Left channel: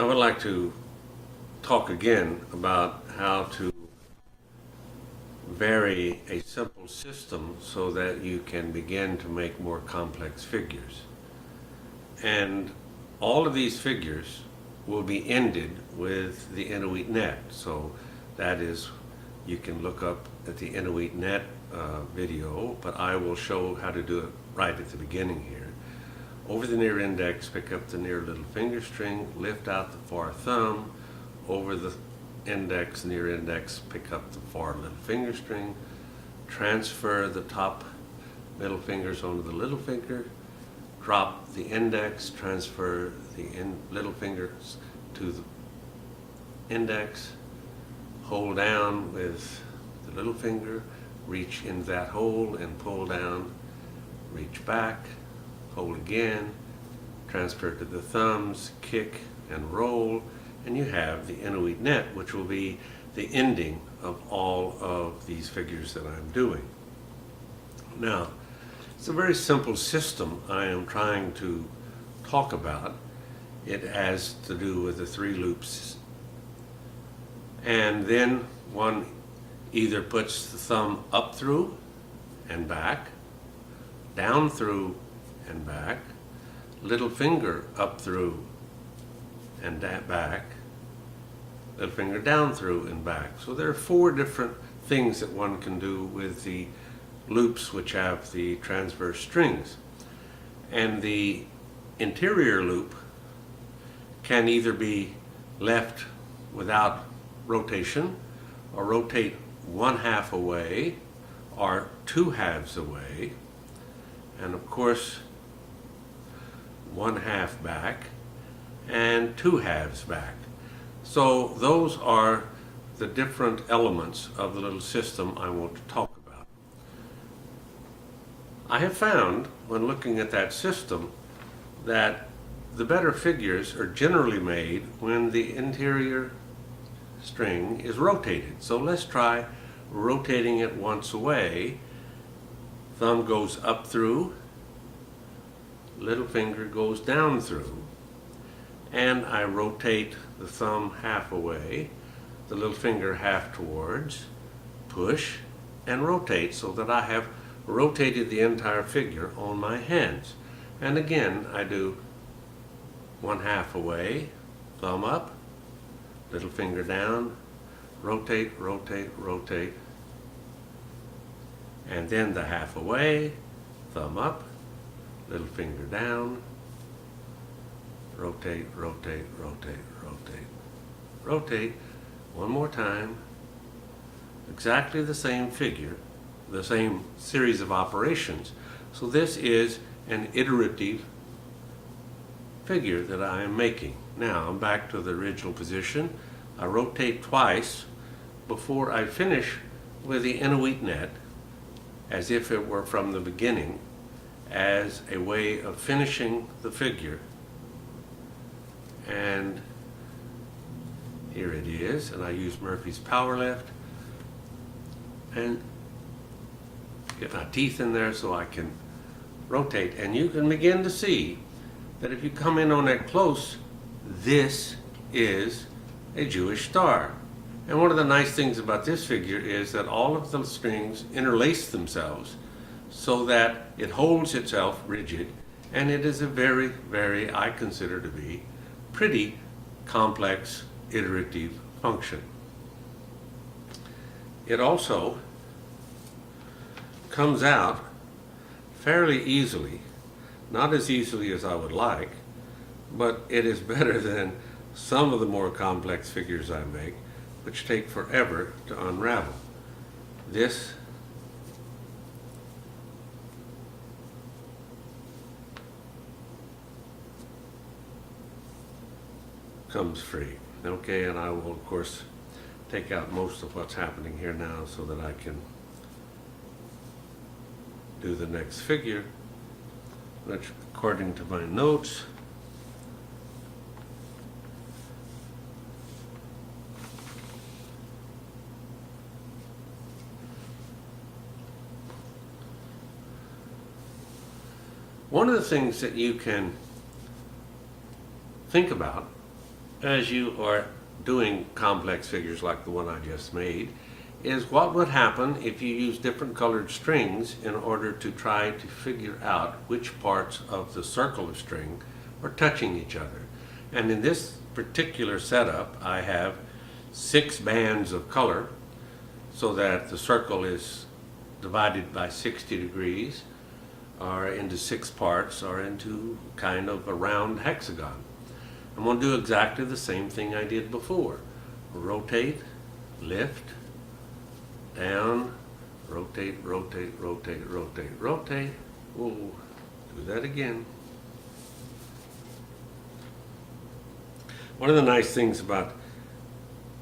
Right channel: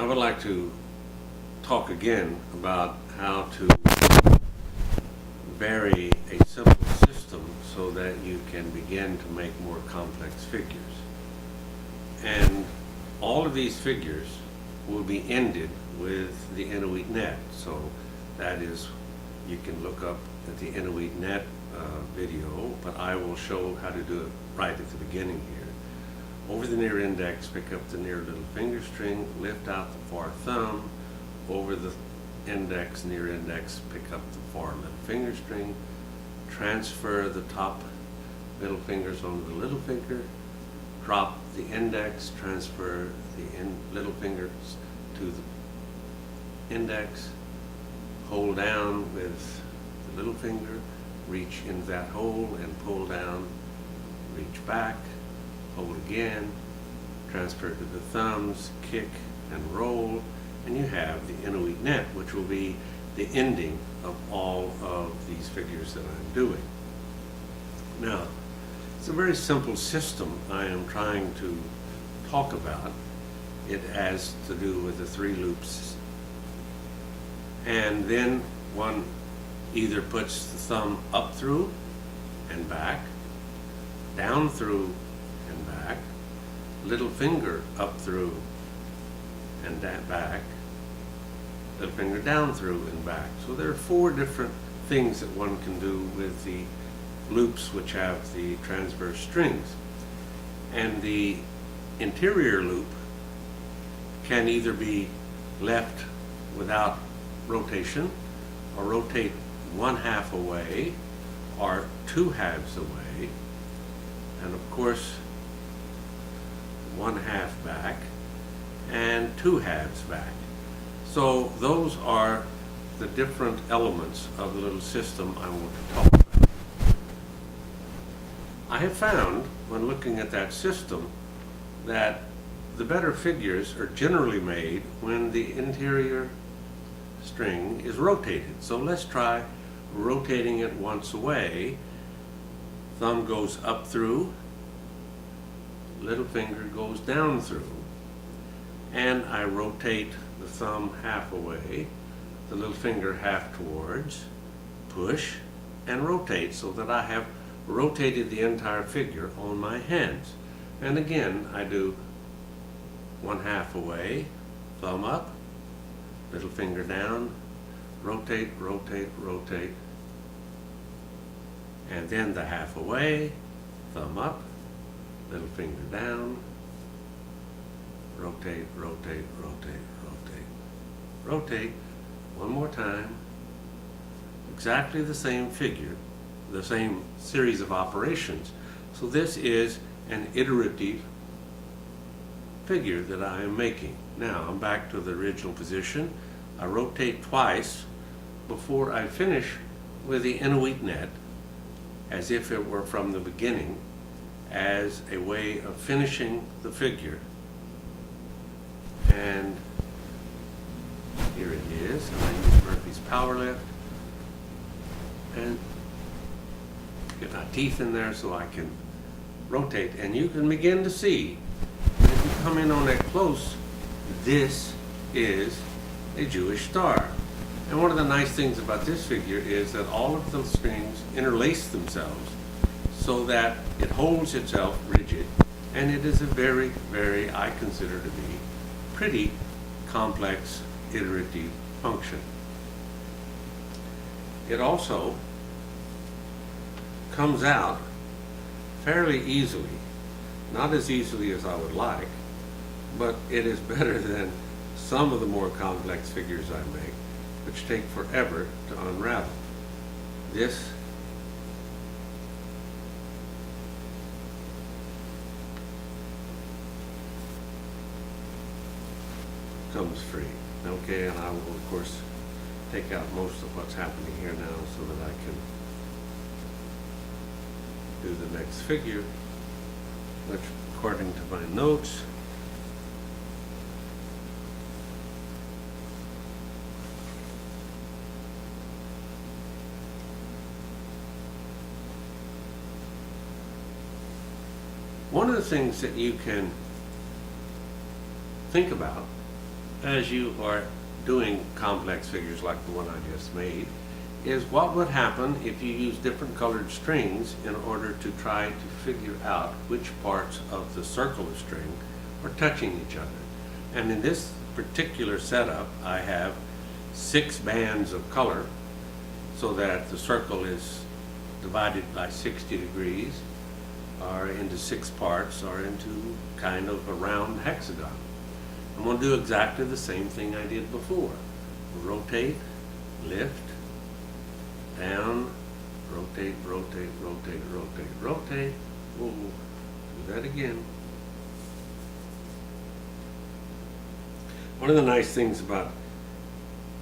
I would like to talk again about how to vary a simple system so that you can begin to make more complex figures. And all of these figures will be ended with the iterative. So that is, you can look up at the iterative video, but I will show how to do it right at the beginning here. Over the near index, pick up the near little finger string, lift out the far thumb. Over the index, near index, pick up the far little finger string. Transfer the top middle fingers onto the little finger. Drop the index, transfer the little fingers to the index. Hold down with the little finger, reach in that hole and pull down, reach back. Hold again, transfer to the thumbs, kick and roll, and you have the iterative, which will be the ending of all of these figures that I'm doing. Now, it's a very simple system I am trying to talk about. It has to do with the 3 loops. And then one either puts the thumb up through and back, down through and back, little finger up through and back, little finger down through and back. So there are 4 different things that one can do with the loops which have the transverse strings. And the interior loop can either be left without rotation, or rotate 1/2 away, or 2/2 away, and of course 1/2 back and 2/2 back. So those are the different elements of the little system I want to talk about. I have found, when looking at that system, that the better figures are generally made when the interior string is rotated. So let's try rotating it once away. Thumb goes up through, little finger goes down through, and I rotate the thumb 1/2 away, the little finger 1/2 towards, push, and rotate so that I have rotated the entire figure on my hands. And again, I do 1/2 away, thumb up, little finger down, rotate, rotate, rotate, and then the 1/2 away, thumb up, little finger down, rotate, rotate, rotate, rotate, rotate. One more time. Exactly the same figure, the same series of operations. So this is an iterative figure that I am making. Now I'm back to the original position. I rotate twice before I finish with the iterative, as if it were from the beginning, as a way of finishing the figure. And here it is, and I use Murphy's power lift and get my teeth in there so I can rotate. And you can begin to see that if you come in on that close, this is a Jewish star. And one of the nice things about this figure is that all of the strings interlace themselves so that it holds itself rigid, and it is a very, very, I consider to be, pretty complex iterative function. It also comes out fairly easily, not as easily as I would like, but it is better than some of the more complex figures I make, which take forever to unravel. This comes free, okay, and I will of course take out most of what's happening here now so that I can do the next figure. That's according to my notes. One of the things that you can think about as you are doing complex figures like the one I just made, is what would happen if you use different colored strings in order to try to figure out which parts of the circle of string are touching each other. And in this particular setup, I have 6 bands of color so that the circle is divided by 60 degrees, or into 6 parts, or into kind of a round hexagon. I'm going to do exactly the same thing I did before. Rotate, lift, down, rotate, rotate, rotate, rotate, rotate. Whoa, do that again. One of the nice things about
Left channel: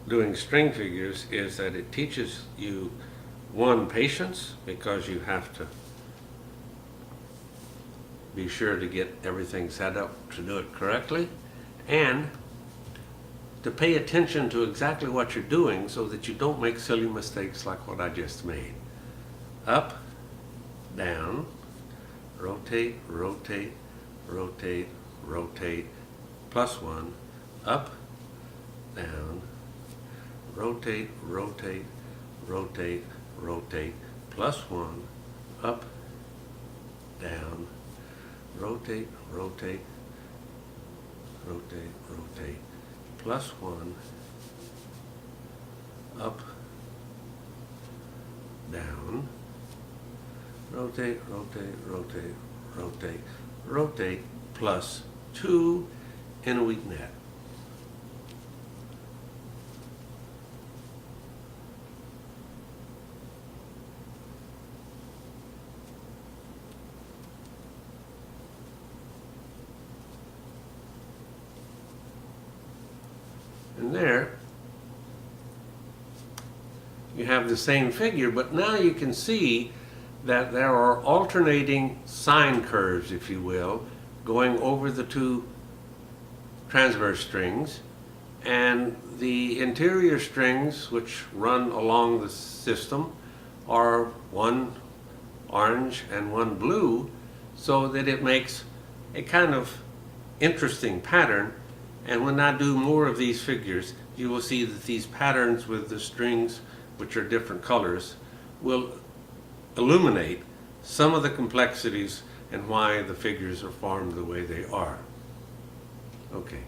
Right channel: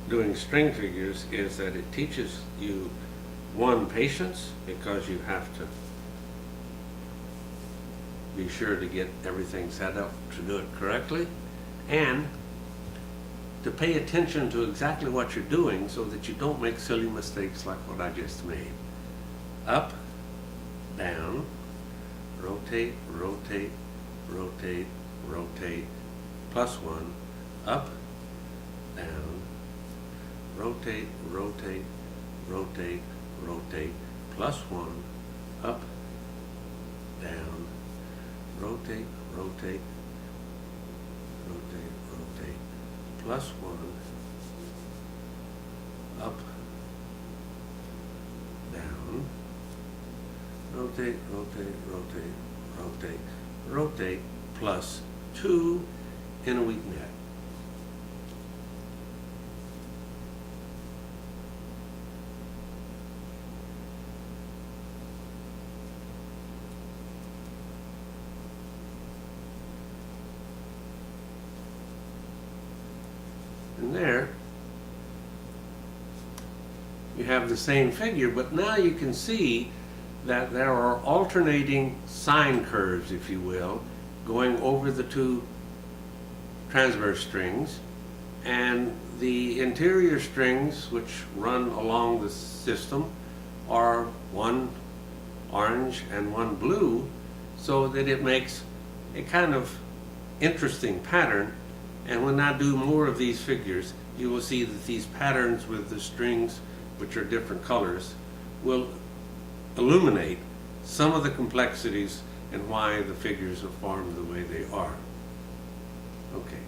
doing string figures is that it teaches you, one, patience, because you have to be sure to get everything set up to do it correctly, and to pay attention to exactly what you're doing so that you don't make silly mistakes like what I just made. Up, down, rotate, rotate, rotate, rotate, +1, up, down, rotate, rotate, rotate, rotate, +1, up, down, rotate, rotate, rotate, rotate, +1, up, down, rotate, rotate, rotate, rotate, rotate, +2 in a weak net. And there you have the same figure, but now you can see that there are alternating sine curves, if you will, going over the 2 transverse strings, and the interior strings which run along the system are one orange and one blue, so that it makes a kind of interesting pattern. And when I do more of these figures, you will see that these patterns with the strings, which are different colors, will illuminate some of the complexities and why the figures are formed the way they are. Okay.